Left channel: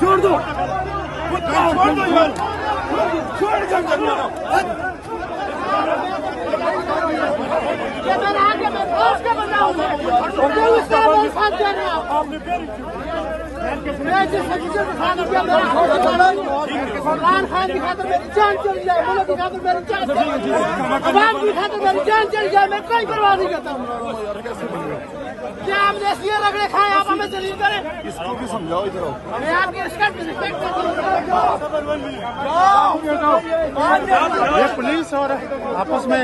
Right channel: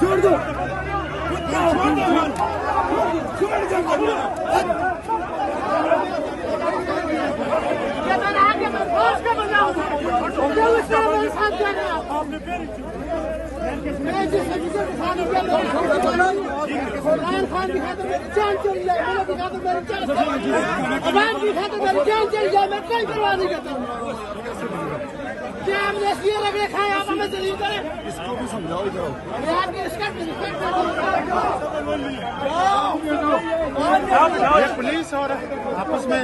छोड़ दो इमरान खान की खातिर मेरी जान चली जाए, मुल्क की खातिर मेरी जान चली जाए, अवाम की खातिर मेरी जान चली जाए, मैं कोई परवाह नहीं करता। क्या हमने ये रगड़े खाए, आप हमें जलील करें? मैं आपकी रिस्पेक्ट करता हूँ। पुलिस और आपस में